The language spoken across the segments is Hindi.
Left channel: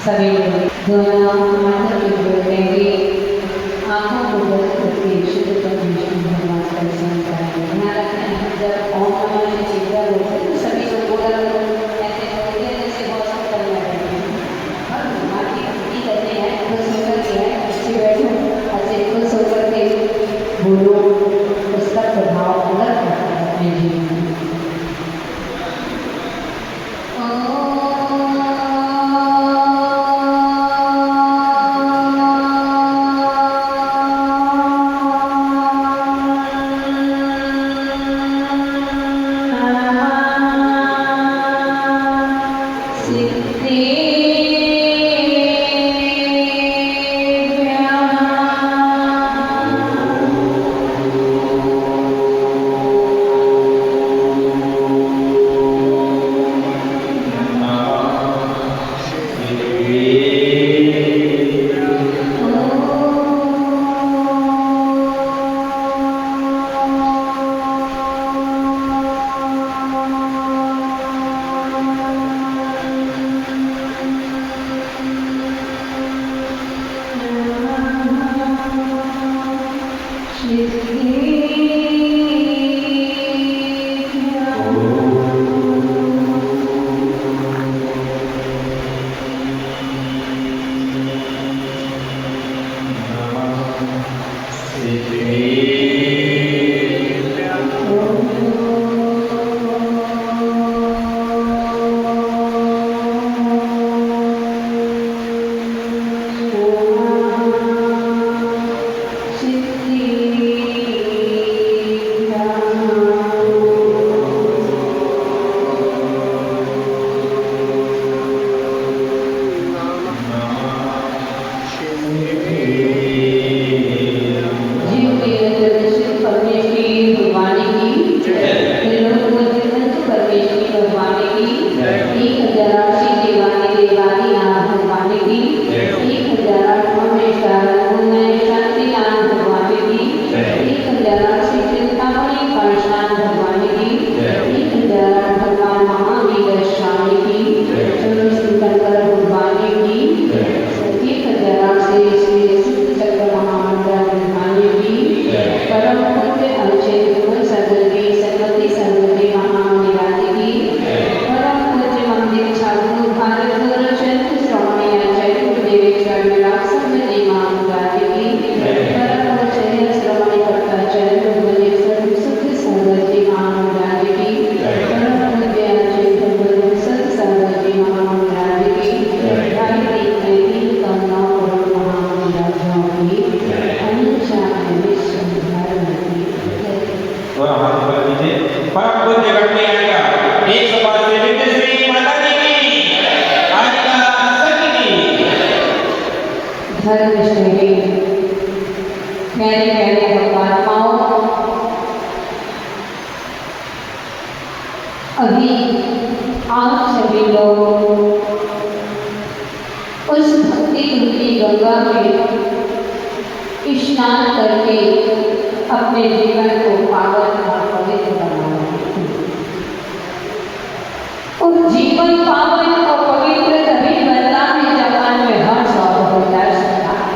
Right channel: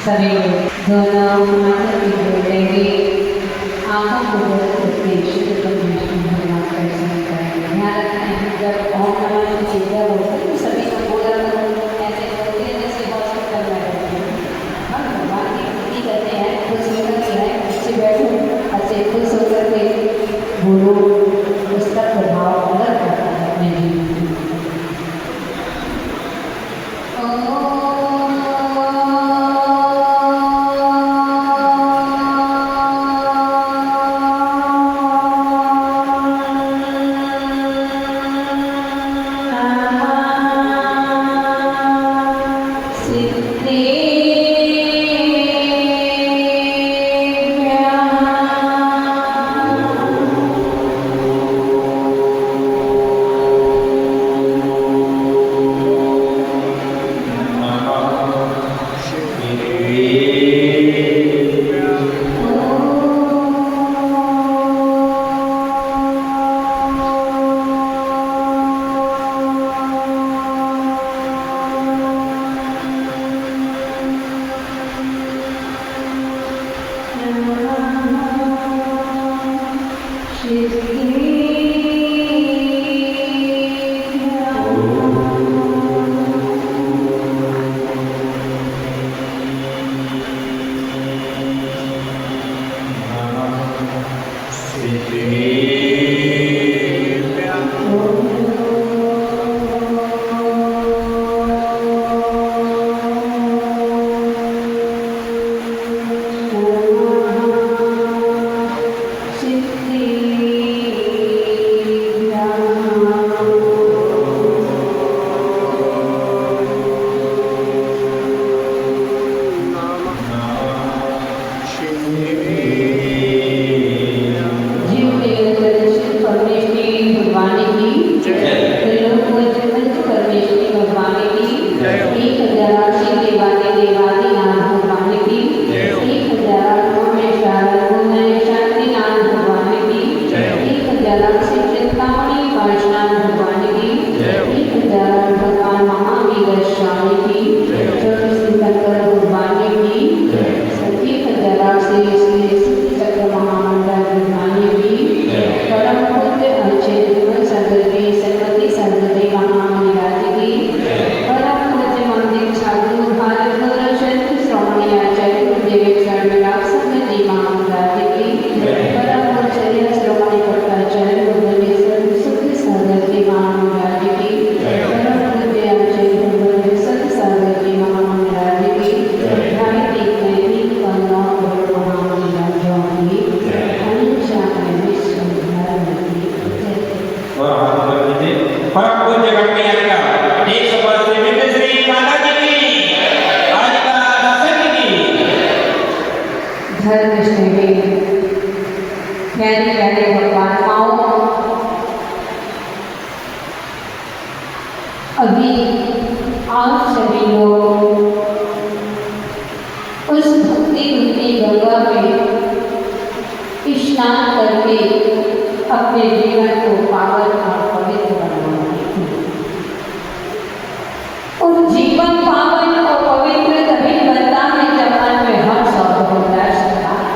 सभी दोनों माता की बोलेंगे, आंखों को बंद करके शुद्ध परमेश्वर भगवान का दर्शन करेंगे। ध्यान रखें, जब ओम नमः की चिंता होती है तो सभी को बोला ऐसे बोलते हैं जैसे हॉस्पिटल में रहते हैं। हम भगवान की भक्ति करते हैं, खुद सुनकर के हैं, अच्छे बैठो, अच्छे खुद सुनकर के बोलो, उसका प्रभाव अलग होता है अपने जीवन में। अभी आप सभी लोग उस भक्ति रूपी गंगा में स्नान करके अपने जीवन को पावन और पवित्र बनाएंगे। और जीवन पावन और पवित्र तभी बनता है जब मन में हर्ष और उल्लास होता है।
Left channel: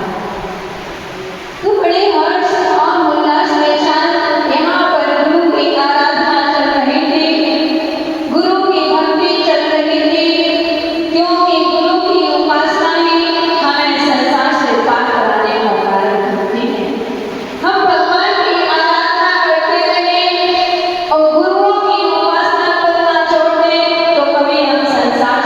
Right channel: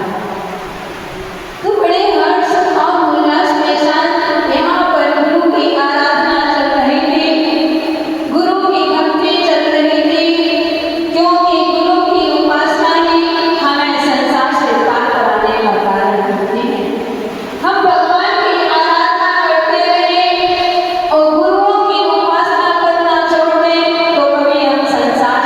तो बड़े हर्ष और उल्लास के साथ यहाँ पर गुरु की आराधना चल रही थी, गुरु की भक्ति चल रही थी, क्योंकि गुरु की उपासना ही हमें संसार से पार कराने का कारण होती है। हम भगवान की आराधना करते रहे और गुरुओं की उपासना करना छोड़ दें तो कभी हम संसार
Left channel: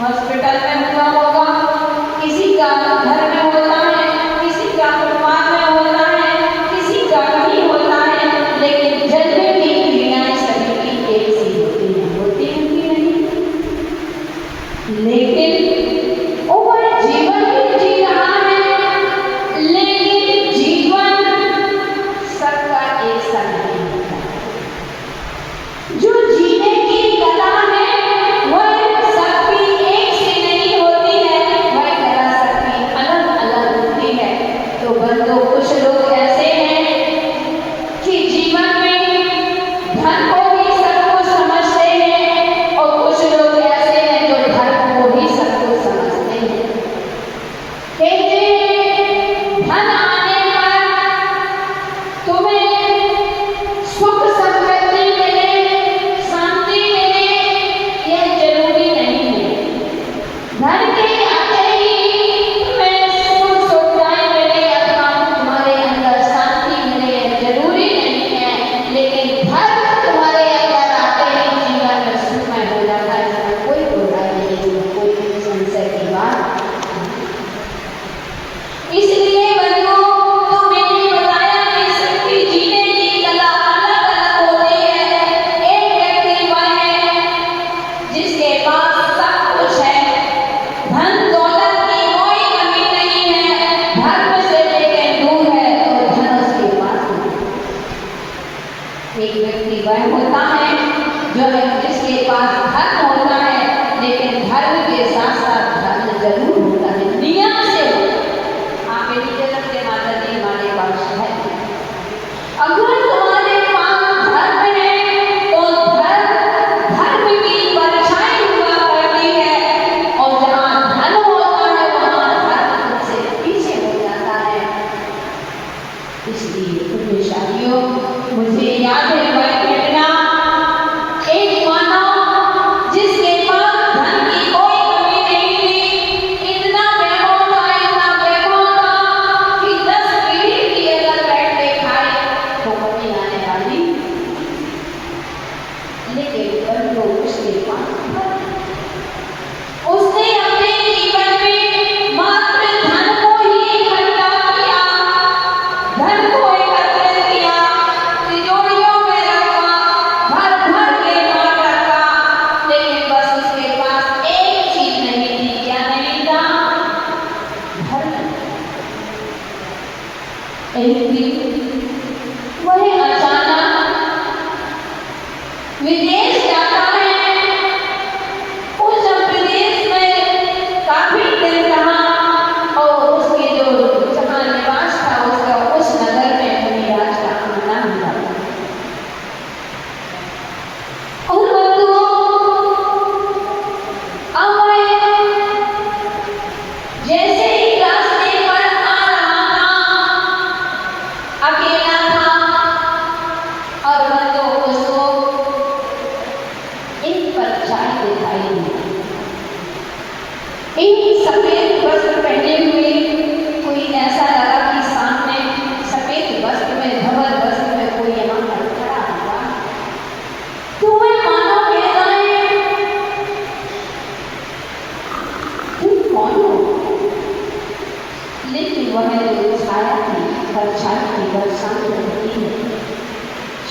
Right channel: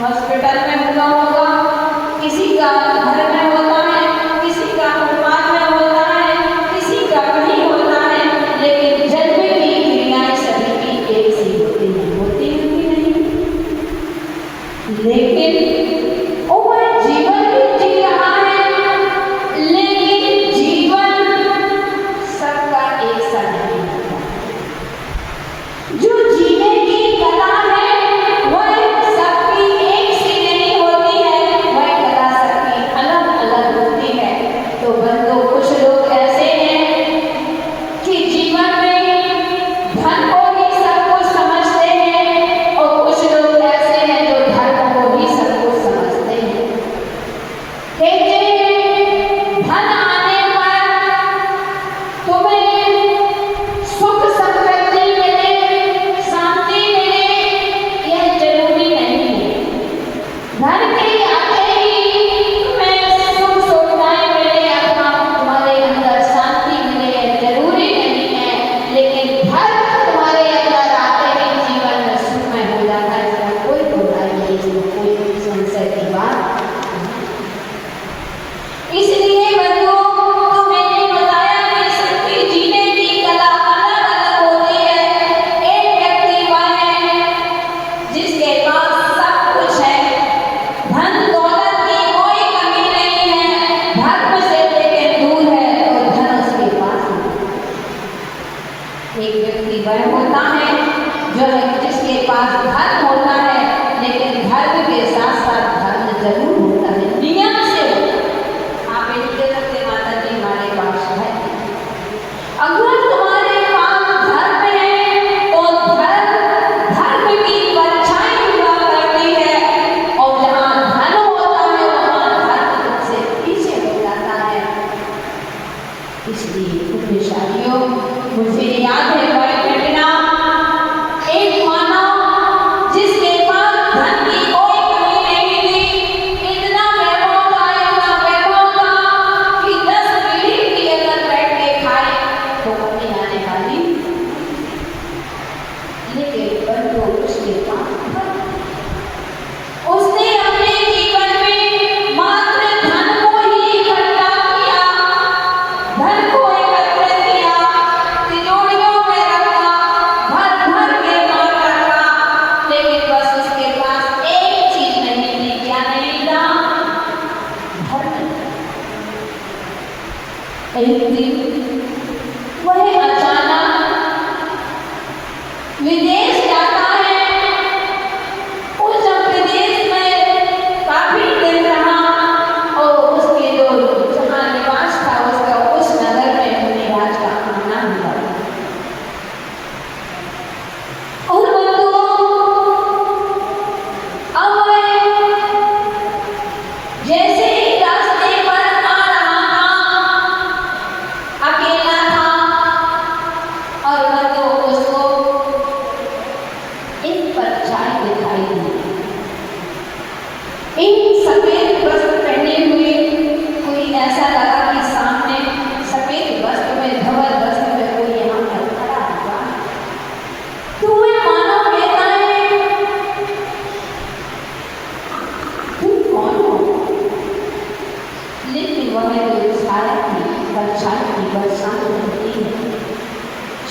हॉस्पिटल में हुआ होगा, किसी का घर में होता है, किसी का परिवार में होता है, किसी का कहीं होता है, लेकिन जन्म की क्रियाएं सभी की एक सी होती हैं, होती नहीं। लेकिन वो जीवन भी जी रहा है, लेकिन जीवन सबका एक सा नहीं होता। जो जीने की कला है वह सबकी एक सी नहीं होती है, वह कला सबकी अलग अलग होती है। तो बंधु, कुछ लोग ऐसे हैं कि जीवन में धन को भी सब कुछ समझते हैं, और कुछ लोग ऐसे हैं जो धर्म को भी सब कुछ समझते हैं। कहते हैं धन आने पर तुम्हें सुख समृद्धि मिले, शांति मिले, यह जरूरी नहीं है। धन के आते ही तुम्हें सुख सुविधाएं मिले अथवा तुम्हारे अंदर शांति मिले, यह जरूरी नहीं है। लेकिन धर्म तुम्हारे अंदर आते ही जीवन में सुखमय हो जाता है, इसमें कोई बुराई नहीं, इसमें कोई संशय की बात। इसलिए बंधुओं, तो मैंने बताया कि सबकी जीने की कला अलग अलग होती है। एक व्यक्ति वह है जिसके पास सब कुछ है, धन दौलत की कोई कमी नहीं है, धर्म से लेकर दूर है, तो धन उसके पास है। एक व्यक्ति वह होता है जिसके पास धर्म होता है, लेकिन धर्म के साथ साथ धर्म जरूर होता है, नियम से होता है। आप इनके रखते माता जी हमारे पास है। अगर तुम्हारे पास धर्म है तो धर्म की परछाई हुआ करती है, और जहाँ धन होता है वहाँ धर्म तुमसे पीछे हो जाता है। इसलिए पुण्यशालियों, मुझे याद है वह घटना, एक मानव जिसके पास धन की कोई कमी नहीं थी, इतना वैभव था कि 10 पीढ़ी की अगर बैठ के खाए तो कमी आने वाली। लेकिन बंधु, उसके पास उसने अपने जीवन में मात्र धन को ही इकट्ठा किया, धन को एकत्रित किया, तिजोरियों में रखा, भर भर के बांट रखा, लेकिन बस उसके पास एक चीज नहीं थी। क्या नहीं था? धर्म। एक दिन वह अचानक विदेश जाता है। उस विदेश में काफी दिन रहा, और उसके जो जहाँ निवास था उसका उस नगर में मुनिराज का आना हुआ। और अब जैसे ही रास्ते पर आ रहा था, अकेला था, और उसको एक परछाई दिखाई दी। एक सफेद वस्त्र पहने हुए कोई ऐसा लगा कि सामने सफेद वस्त्र में, धवल वस्त्र में कोई यहाँ पर खड़ा हुआ। तो वह मानव कहता है, तुम कौन हो? लेकिन वह जो छाया थी, परछाई थी, वह शांत रहती है,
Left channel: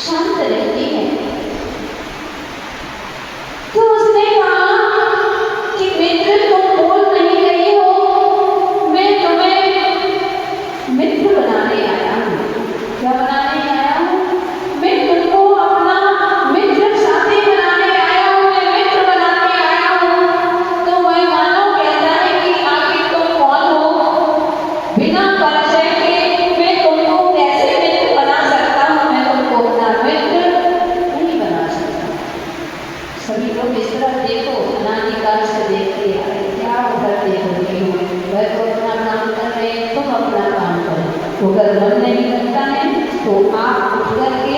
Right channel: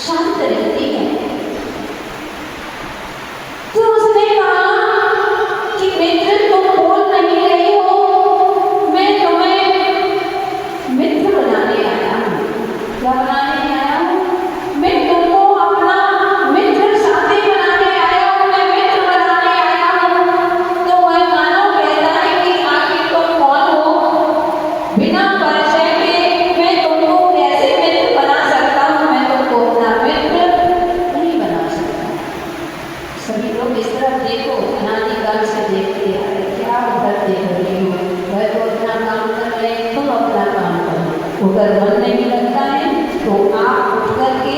शांत रहती है। तो उसने कहा कि मित्र, तुम बोल नहीं रहे हो, मैं तुम्हें मित्र बनाने आया हूँ। क्या बनाने आया हूँ? मैं तुमको अपना मित्र साथी बनाने आया हूँ, मैं मित्र बनाने आया हूँ। तो वह मानव कहता है कि आखिर तुम कौन हो? बिना परिचय के मैं तुमको कैसे मित्र बना सकता हूँ? मैं तुमको अपना मित्र नहीं बना सकता। सभी लोग इस तरफ देखो, अनादिकाल से देखते आ रहे, क्या उधर देख रहे हो? वह तो अपना काम कर रहे हैं, तुम अपना काम करो। अगर मन नहीं लगता है तो आप उठ करके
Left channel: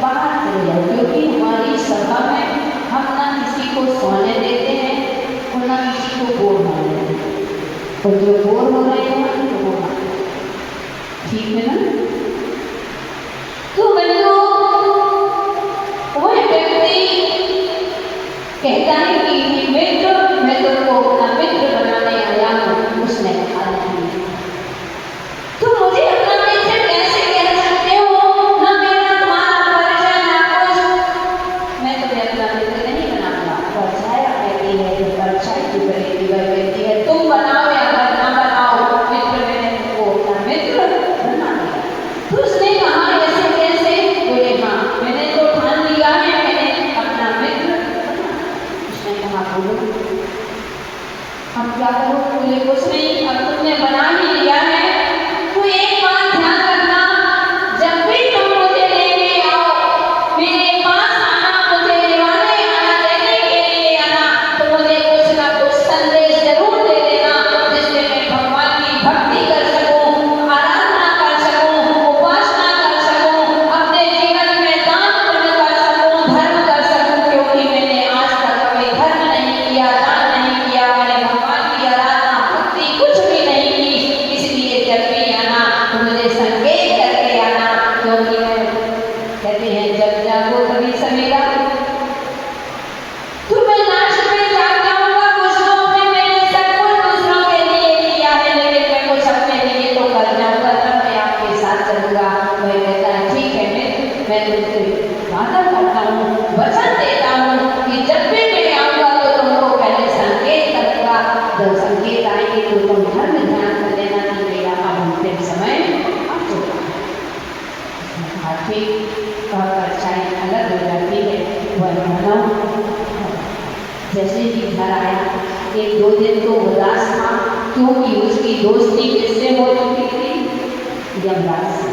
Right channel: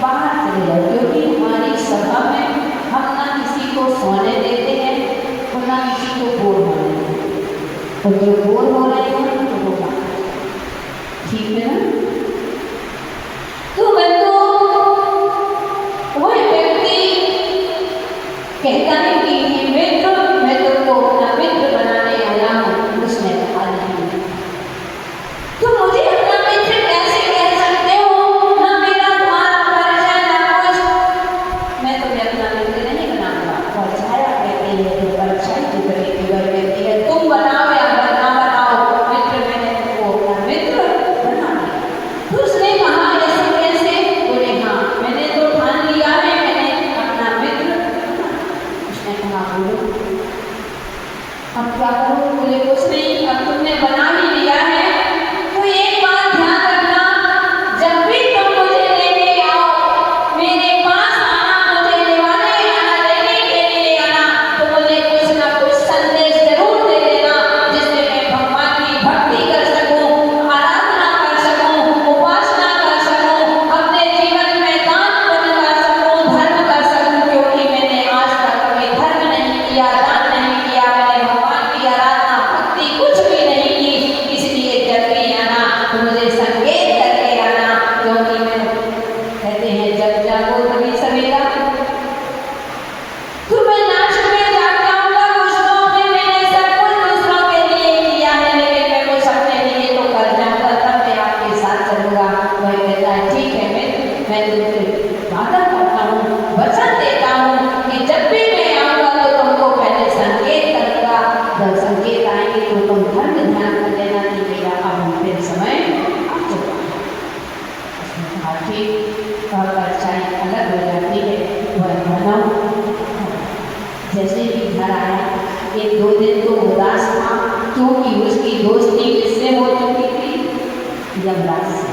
बाहर चले जाओ, क्योंकि हमारी सभा में हम ना किसी को सोने देते हैं और ना किसी को बोर होने देते हैं, और जो बोर हो रहे हैं तो वो ठीक है ना? तो बंधुओं, वह व्यक्ति कहता है कि मित्र, मैं तुमको अब क्या करूं? बोले कुछ नहीं, अब तुमने बना ही लिया है तो एक बात ध्यान रखना, जब भी तुम मुझे लेने आओ, मेरे पास आना, मुझे लेवाने आना, लेने के लिए आना, तो मुझे कुछ ना कुछ संदेश जरूर दे देना, जिससे मैं भगवान की भक्ति कर सकूं, आराधना कर सकूं, उपासना कर सकूं, अपने जीवन में दान पुण्य कर सकूं, धर्म कर सकूं, क्योंकि मैंने आज तक कभी धर्म नहीं किया, दान नहीं किया, मैंने भगवान की आराधना भक्ति कुछ भी नहीं की। इसलिए जब भी आना तो मुझे संकेत करके आना, क्योंकि मैं कहते हैं जब जागो तभी सवेरा। तो मैं लास्ट में जाग जाऊंगा, कुछ तो अपने मैंने सब कुछ दूसरों के लिए किया है, लेकिन मैं कुछ अपने लिए तो कर जाऊंगा, तब मैं आपके साथ चलूंगा। वही कहता है ठीक है, मैं तुमसे वादा करता हूँ, वचन देता हूँ कि जब भी मैं आऊंगा तो तुमको पहले संकेत करूंगा, जब संकेत आएंगे तो तुम धर्म ध्यान कर लेना कि मेरा अब समय आ चुका है। ठीक और परछाई अलग हो जाती है। वह मानव जैसे ही घर आया, एक दो दिन तो उदास था, क्योंकि उसकी दोस्ती किससे हो चुकी थी? यमराज से।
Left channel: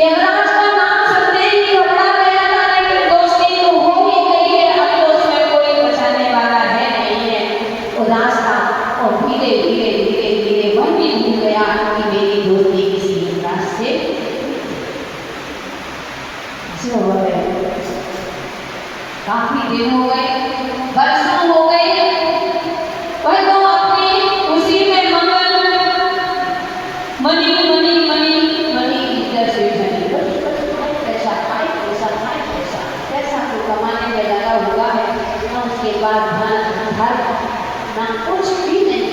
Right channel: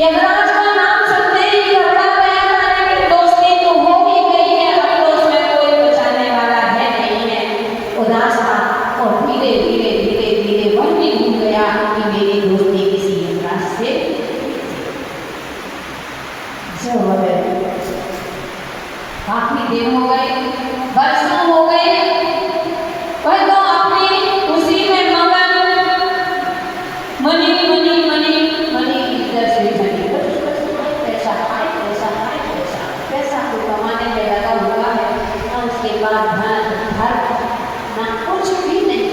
यमराज का नाम सुनते ही घबरा गया था, लेकिन दोस्ती तो हो ही गई है, अब तो उसमें कोई बचाने वाला है नहीं है। उदास था और धीरे धीरे धीरे धीरे वह भी भूल गया कि मेरी दोस्ती किसी यमराज से जो काफी दिन हो गए, वर्षों हो गए, वह तो अपनी उसी में मगन, मनी मनी मनी मनी इधर से मनी, पैसा खाए पैसा खाए पैसा, पैसा को कमाने में लगा हुआ है, और उसके बाद घर ना कुछ भी नहीं,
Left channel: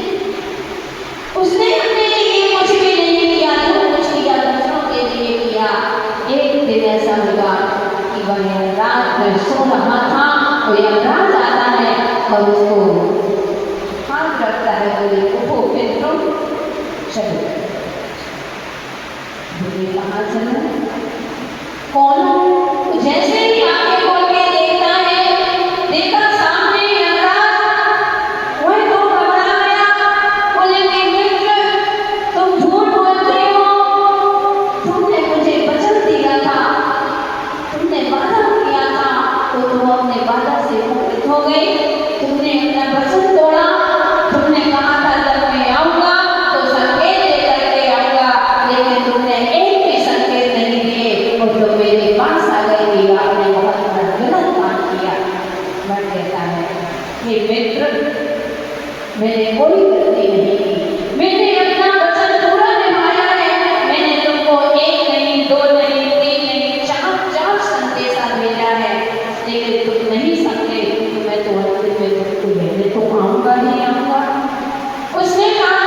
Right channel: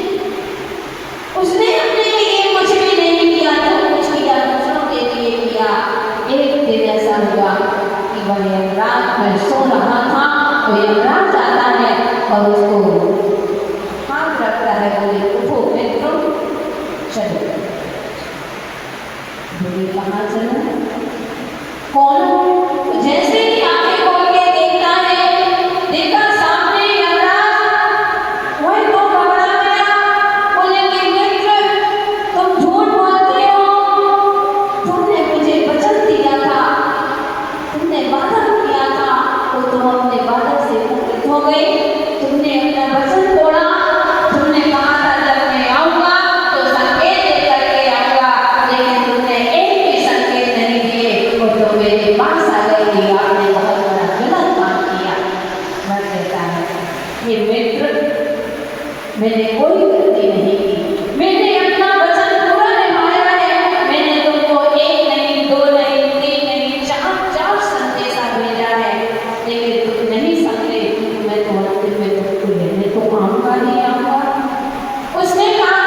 उसने अपने लिए कुछ भी नहीं किया, जो कुछ किया दूसरों के लिए किया। एक दिन ऐसा हुआ कि वह यमराज में सो रहा था, तो यमराज आता है और उसको हाथ रखता है, बोले उठो मित्रों चलो। बोले कहाँ चलो? कौन? तो जैसे ही आंखें खोल के देखता है, देखा सामने यमराज, वही तो घबरा गया। बोले कि मित्र तुम झूठ बोलते हो, तुमने मुझे वचन दिया था, तुमने वादा किया था, तो तुम अपने वादा से मुक्त हो गए, तुमने अपना वचन तोड़ा, तुमने कहा था जब मैं आऊंगा तो संकेत दे करके आऊंगा, लेकिन तुमने एक भी संकेत नहीं दिए, और तो मेरे पास आ गए कि आपने बहुत बड़ा गलत काम किया। वह कहता है हे मित्र, मैंने कोई गलती नहीं की, मैंने अपना वचन पूरा निभाया है, मैंने तुमको एक नहीं, दो नहीं, तीन नहीं, चार संदेशा भेजा है, लेकिन तुम नहीं समझे, तो मैं तो तुमको लेने तो आऊंगा ही आऊंगा। उसने कहा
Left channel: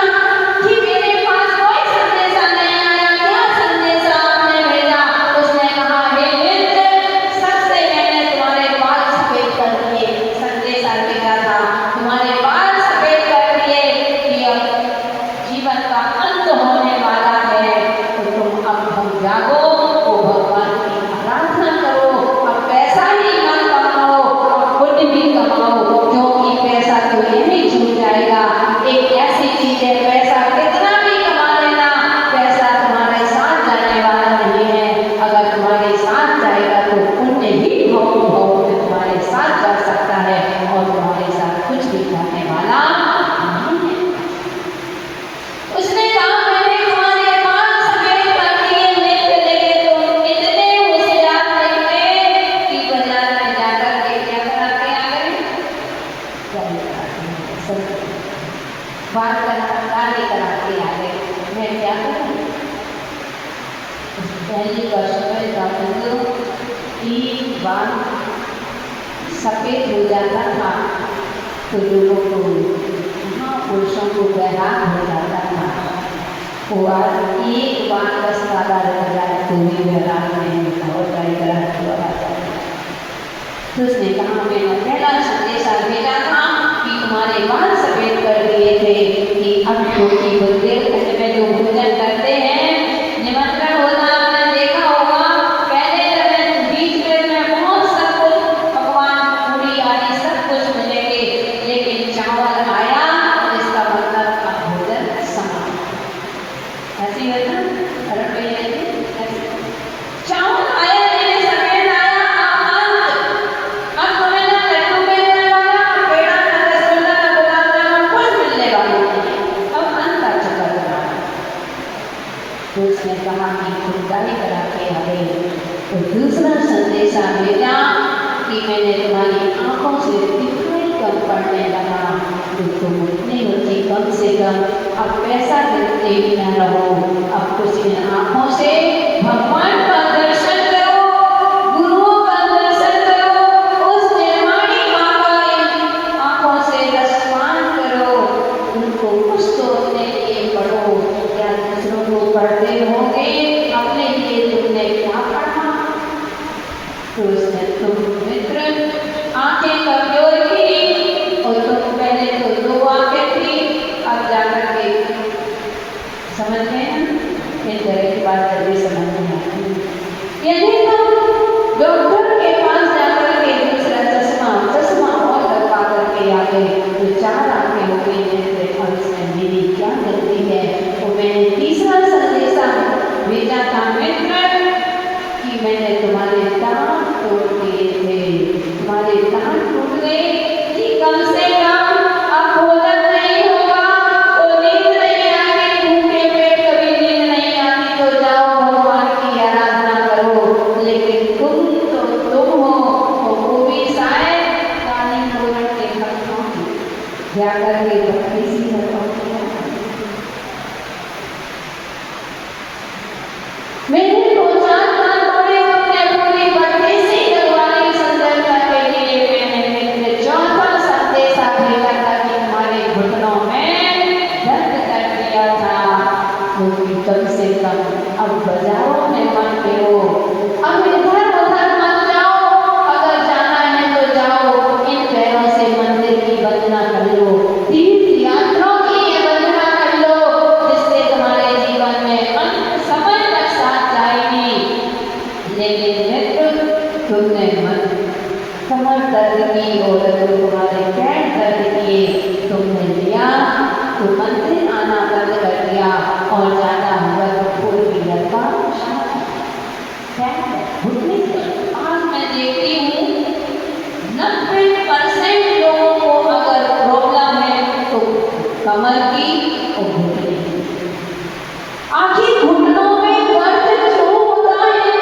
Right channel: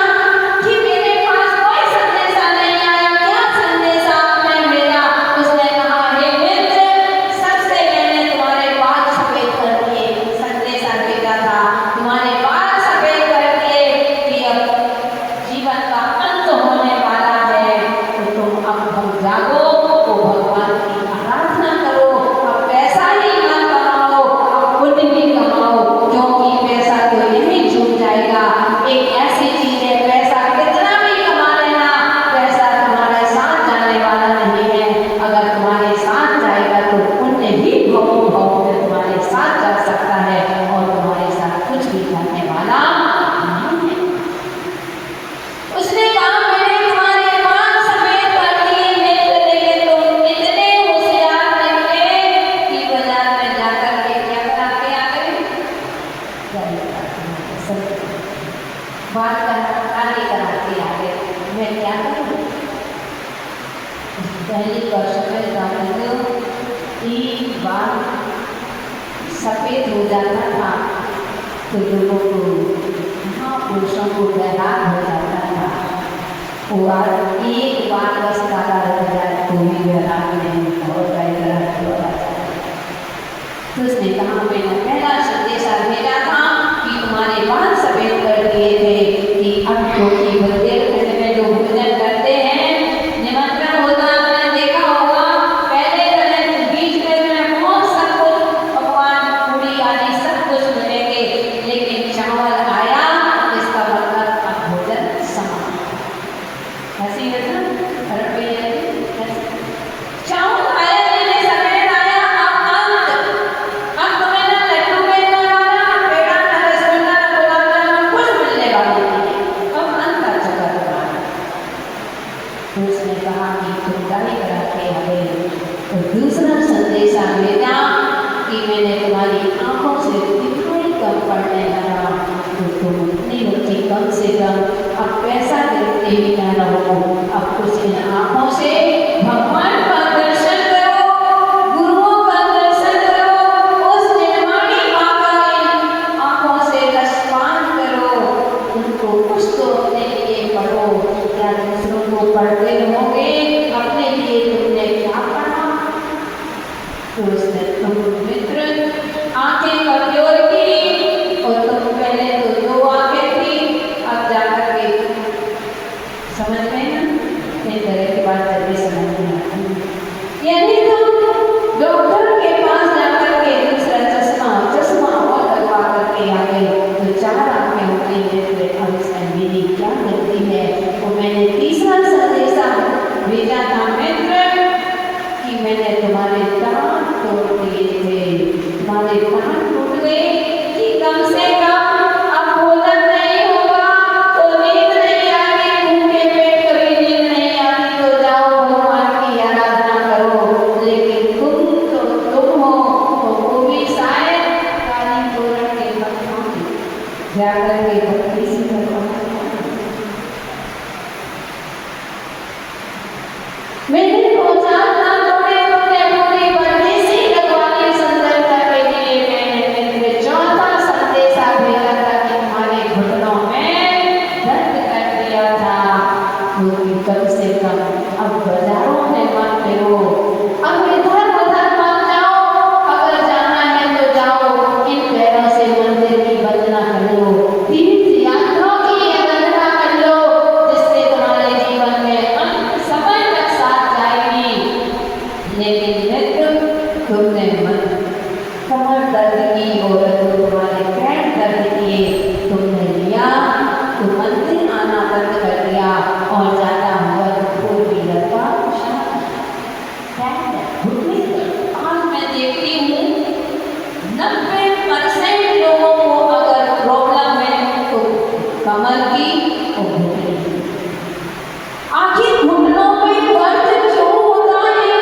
कि मेरे पास कोई संदेशा नहीं आया, क्या संदेशा आपने भेजा? उसने कहा हे मित्र, सबसे मैंने तुम्हारे बाल सफेद कर दिए, संदेशा भेजा था, तुम्हारे बाल सफेद कर दिए कि अब जीवन का अंत होने वाला है, तो तुम अब हम जागो, तो भगवान की आराधना करो, अब पैसा ही ना कमाओ, अब पुण्य भी कमाओ, क्योंकि पैसा तो यही छूट जाएगा। एक ऐसी चीज है, पैसा कितना भी कमा लेना, पैसा तुम्हारे साथ जाने वाला नहीं है, अगर तुम्हारे साथ जाएगा तो पुण्य ही भाव में तुम्हारे साथ जा सकता है, और तुम्हारे साथ कुछ भी करने वाला नहीं है। उसने कहा मैंने तुम्हारे बाल सफेद कर दिए मित्र, लेकिन तुम इतने होशियार निकले कि बाजार में जाकर के क्या कराते आ गए? बाल कराते आ गए। मैं क्या करूं? पहली वर्ष में जाकर एक बाल सफेद हो जाता था तो लोगों को, महापुरुषों को वैराग हो जाता था, वो एक बार बस काला रह जाए तो भी वैराग नहीं होता, और कई तरह हुआ जाता है। तो उसने कहा मैंने पहला संदेशा भेजा था कि तुम्हारे बाल सफेद कर दिए थे, कि अब क्योंकि बुंदेलखंड में जो भोजन करते हैं, निमंत्रण होता आपने देखा होगा, पहले बीच में बहुत सब कुछ पकवान पूरी आदि सब कुछ मिलेंगे, लेकिन जाकर के भक्ति सी करता मैंने सोचा था तुम्हें अपने पूरी बड़ी सी लगवानी संदर्भ के लिए मैंने चौथा संदेशा भेजा था कि हमारे घुटनों में दर्द कर दिया था क्योंकि कम से कम अब बाजारों में मत हो अब इधर उधर मत जाओ अगर जाना है तो जाओ इन पैरों से मंदिर की वंदना कर लो तीर्थ यात्रा की वंदना कर लो जिससे तुम्हारे जीवन में अंत समय तक साथ जाएगी लेकिन मित्र तुमने मत कमर दर्द की और तुम्हारे पैर दर्द किए तुमने लिया तो मंदिर आना बंद कर दिया और जाता हुआ फोर व्हीलर का आज मैं देखती हूँ 90% लोगों को अगर प्रॉब्लम है तो कमर की और घुटने की। आखिर घुटनों में दर्द क्यों होता है?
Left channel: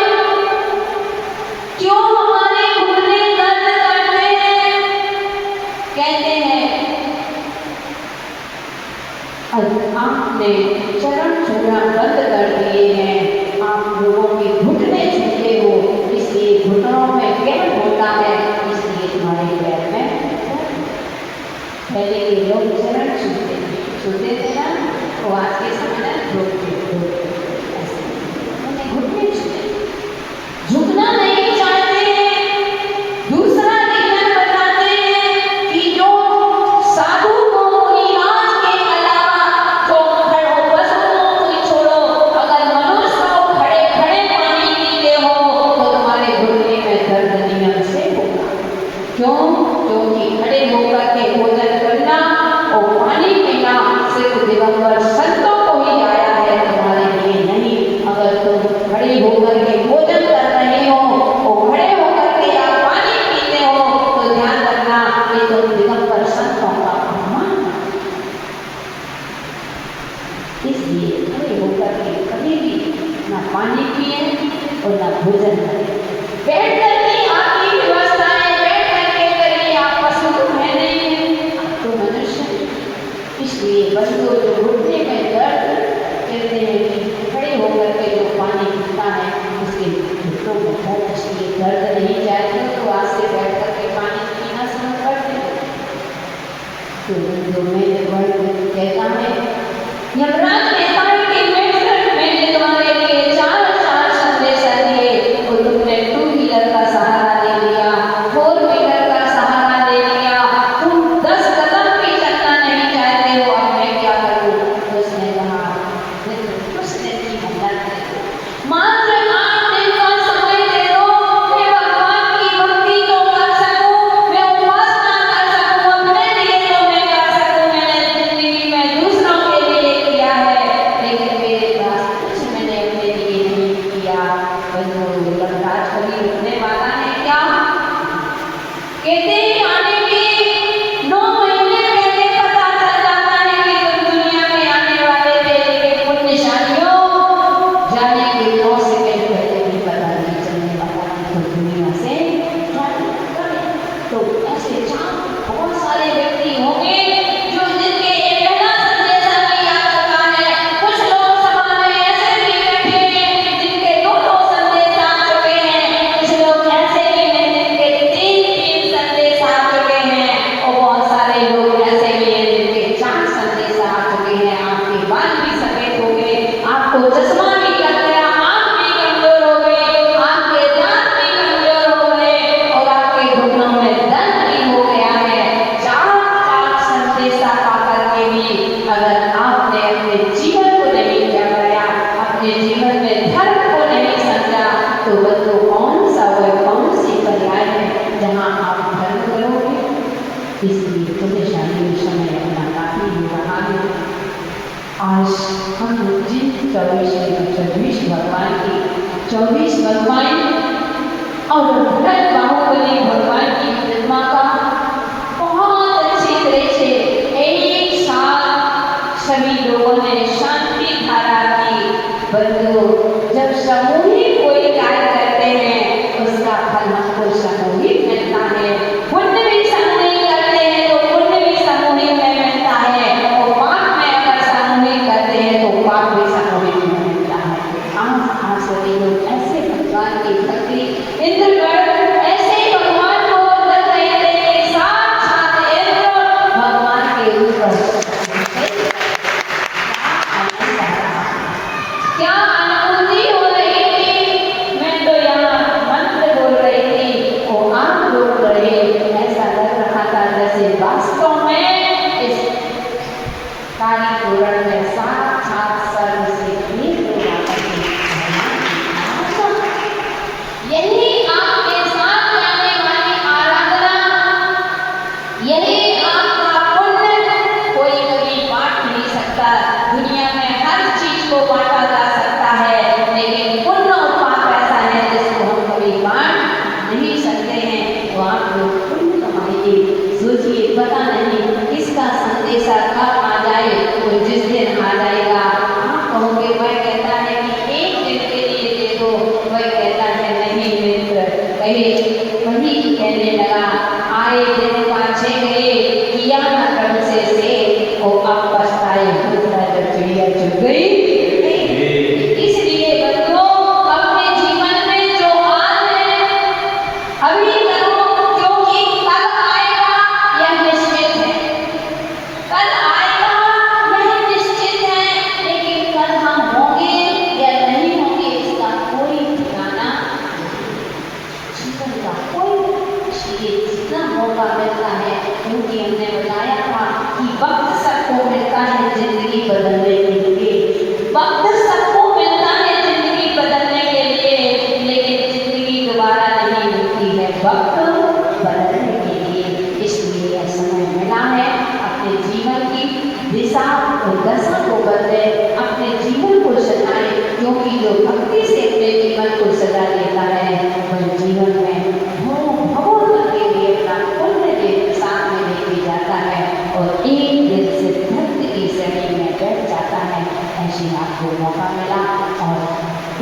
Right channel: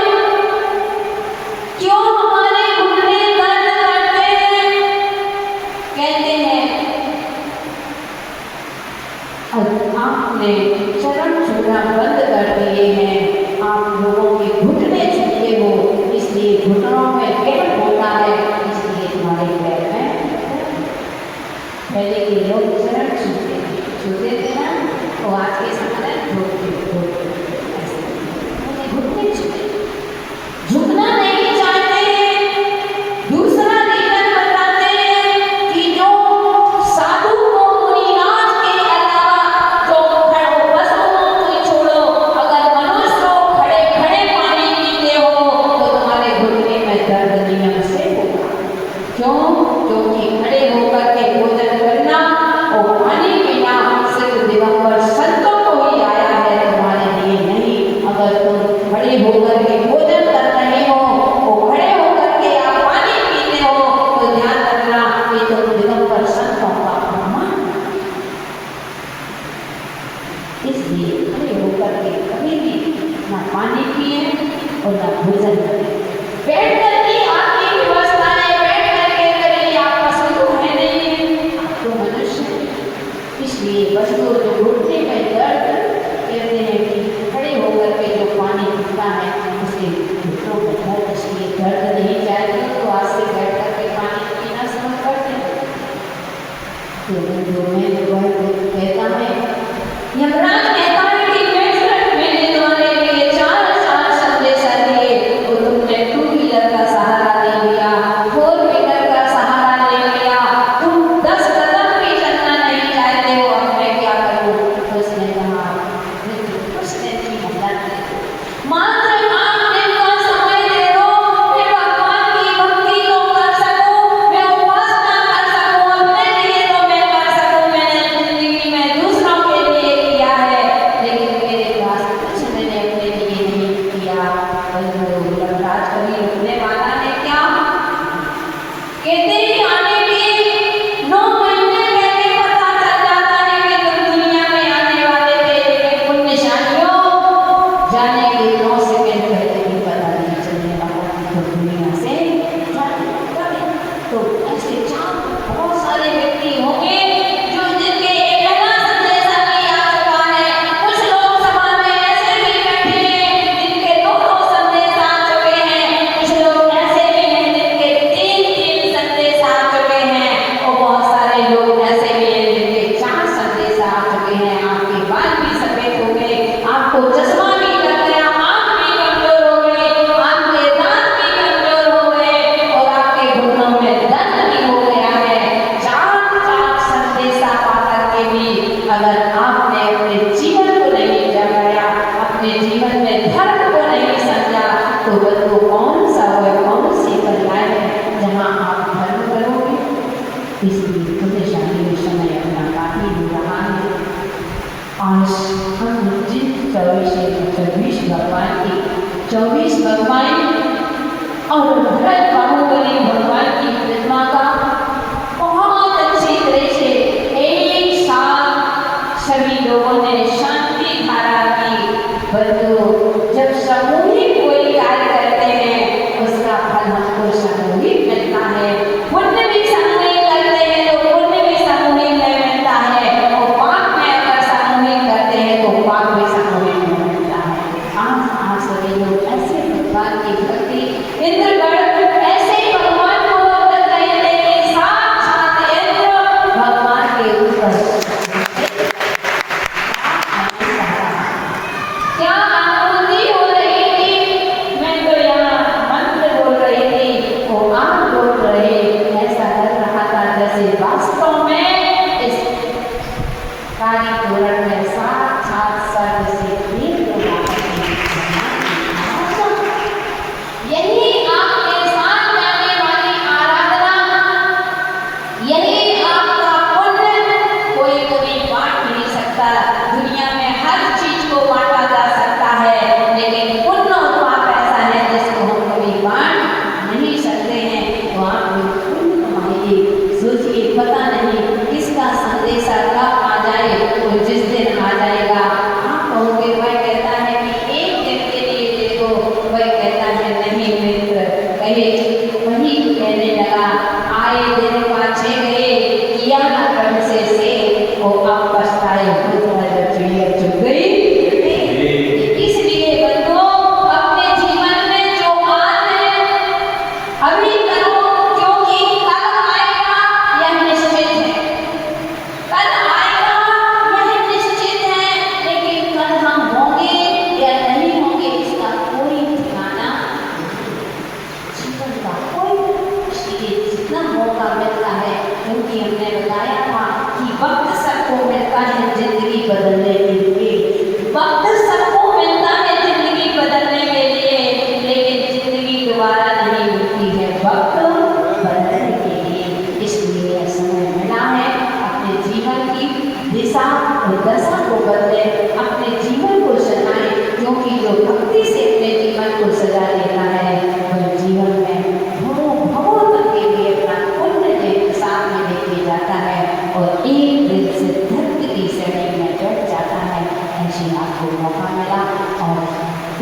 क्यों हमारे घुटने दर्द करते हैं? कहते हैं और आपने चरण छूना बंद कर दिए हैं आप लोगों के घुटने छूते हो इसलिए घुटनों में गैप होता है इसलिए तुम्हारे पैर में पहले ये लोग चरण छूते थे ना वो आज के समय घुटने छूते झुकना नहीं चाहते दूसरा रीजन बताते हैं कि जो साधु को मुनिराज के अलावा जो पशुओं को छोड़ो अगर मनुष्य को खड़े खड़े पानी पीते हो तो तुम्हारे घुटने में दर्द नियम से होगा क्यों क्योंकि खड़े होकर के भोजन करना और पानी पीना सिर्फ दिवंगत संतों को ही आया है तुम्हारे लिए नहीं अगर तुम खड़े होकर के भोजन कर रहे हो और खड़े होकर के आप पानी पीते हो तो ध्यान रखना कि तुम दिगंबर संतों का अपमान इसलिए खड़े होकर के कभी भी ना पानी पिए और ना भोजन करें बैठ करके आपकी व्यवस्था है बैठ करके करिए आप पशु तो है नहीं है तो मनुष्य इसलिए बंधुओं जो घुटने में दर्द कहते हैं कि खड़े होकर के जो पानी पीता है उसके घुटनों में दर्द इसलिए दर्द नहीं जाएगा तो आज से बैठ करके पानी पीना शुरू कर दें तो जो मैंने वह कहता है यमराज कहता है कि मैंने तुम्हारे लिए चार संदेशा दिए तो तुमने टू व्हीलर का सहारा ले लिया फोर व्हीलर का सहारा ले लिया तुम 10 कदम भी चलना नहीं चाहते हो अब मैं क्या करूं उसने कहा उसने की मदद मात्र 8 दिन का समय दे दो मैं भगवान की भक्ति तो कर सकूं मैं उपासना कर सकूं अपने लिए तो मैं कर सकूं मैंने जिंदगी में दूसरों के लिए किया है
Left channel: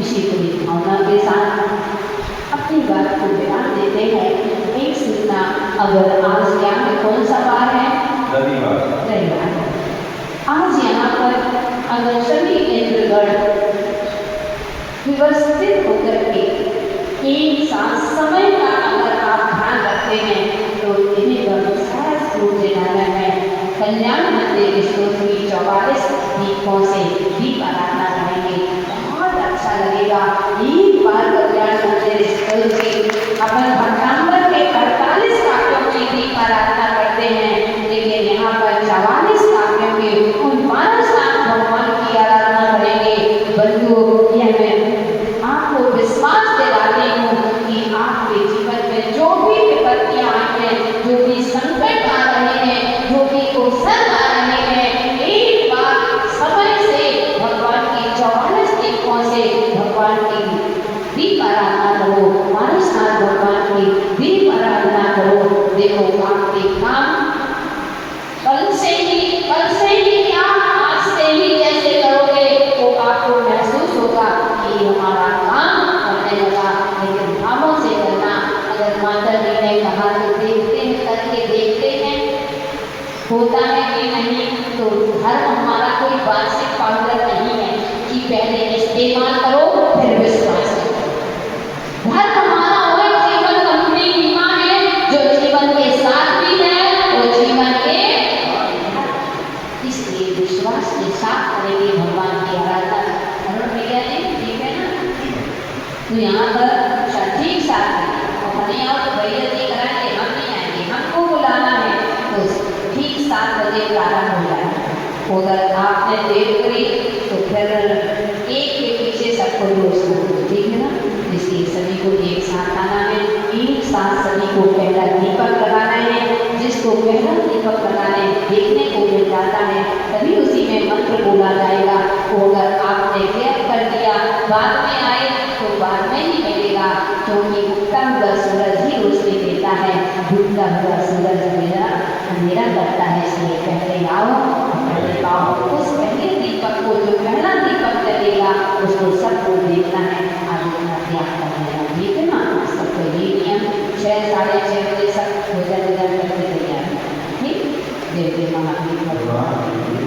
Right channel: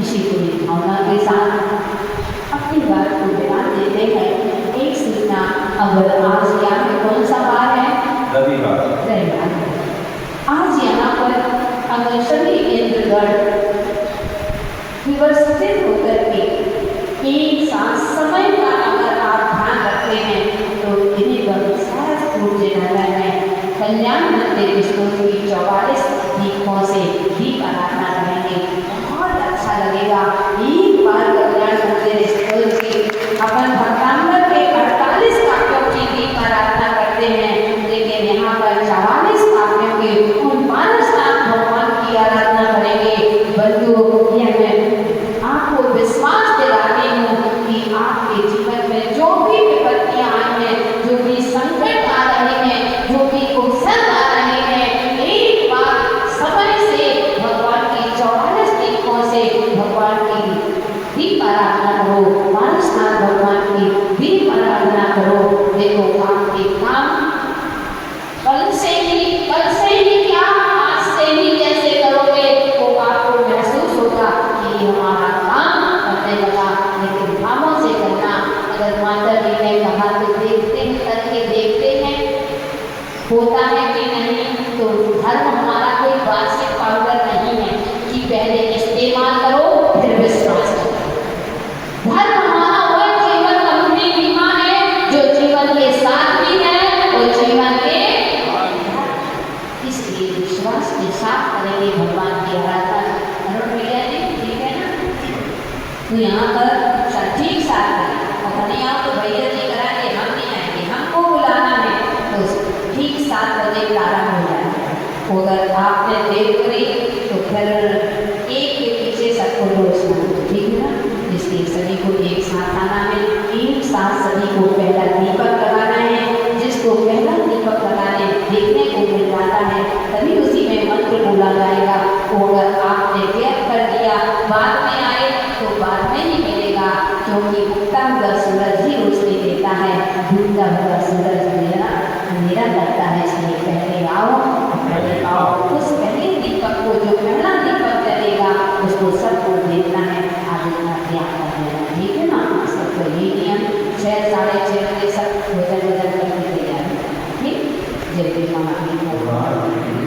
इसी पूरी भावना के साथ अपनी बात को बयान देते हैं। एक सूचना, अगर आज यहाँ में कौन सा बार है? रविवार। आज यहाँ पर अगर सभी इंद्रगण व्यवस्थित होकर के एक साथ समय का अगर आप ध्यान रखते हैं तो इन्हें शायद रूप से नगर में कल्याण मंदिर स्तोत्र 44 दीपों से दीप आराधना करेंगे, बहुत अच्छा लगेगा। एक बार कल्याण मंदिर स्तोत्र की अपन भक्तांबर के 48 काव्यों की दीप आराधना करते हैं, लेकिन यहाँ पर 44 काव्यों के उन 5 नाम भगवान की आराधना करेंगे। बंधु, यह मैं आपको विश्वास दिला रही हूँ कि आपके जीवन में जो भी विपत्तियां आई हैं, जो भी संकट आ रहे हैं, जो भी अवसर आ रहे हैं, एक बार समय से भगवान की 44 दीपों से भगवान की दीप आराधना करो, मानसनाथ भगवान की दीप आराधना करो। देखो आपके काम कल से ही क्या, आज से ही जैसे करोगे तो आपको महसूस होगा कि हमारा काम करने लगा। लेकिन भावों से करना, अगर माता जी ने कहा तो देखते हैं, करके देखते हैं होता है कि नहीं। तो धर्म हमारा कोई वार्षिक पाउडर नहीं है कि पहले इस्तेमाल करो फिर विश्वास करो। धर्म हमारा वो जीवन अपनी बीमा है जो जीवन के साथ भी है और जीवन के, इसलिए विश्वास के साथ करेंगे भगवान की आराधना। अरुण भैया जी ठीक है ना? तो यहाँ पर ठीक साथ और भैया तो भैया जी कराएंगे, हम नहीं आएंगे, हमको बुलाना है तो ठीक 7 बजे प्रारंभ हो जाएगा। अगर आपने देर करी तो फिर एक के पीछे सबको दोस्त, ठीक है ना? इसलिए सभी को एक साथ आना है, एक साथ सभी को पहला दीपक लगाना है। जिसको पहला दीपक लगाने देखने को मिल जाता है तभी उसी में मंत्र बोला जाएगा। तो अगर आपने गैप कर दिया, बाद में आए तो बाद में ही मिलेगा, क्योंकि उगता हुआ सूरज ही रोशनी देता है, डूबता हुआ सूरज अंधेरा करता है। इसलिए पहले आओ, पहले आओ। उस पहले दीपक को, जो पहला दीपक जलेगा उसको सबको देखना है, आगे का ध्यान रखना है, ठीक है ना? सबको ये नियम 6 साढ़े 6 बजे सब भोजन करके तैयार है, ठीक? जय जय माता।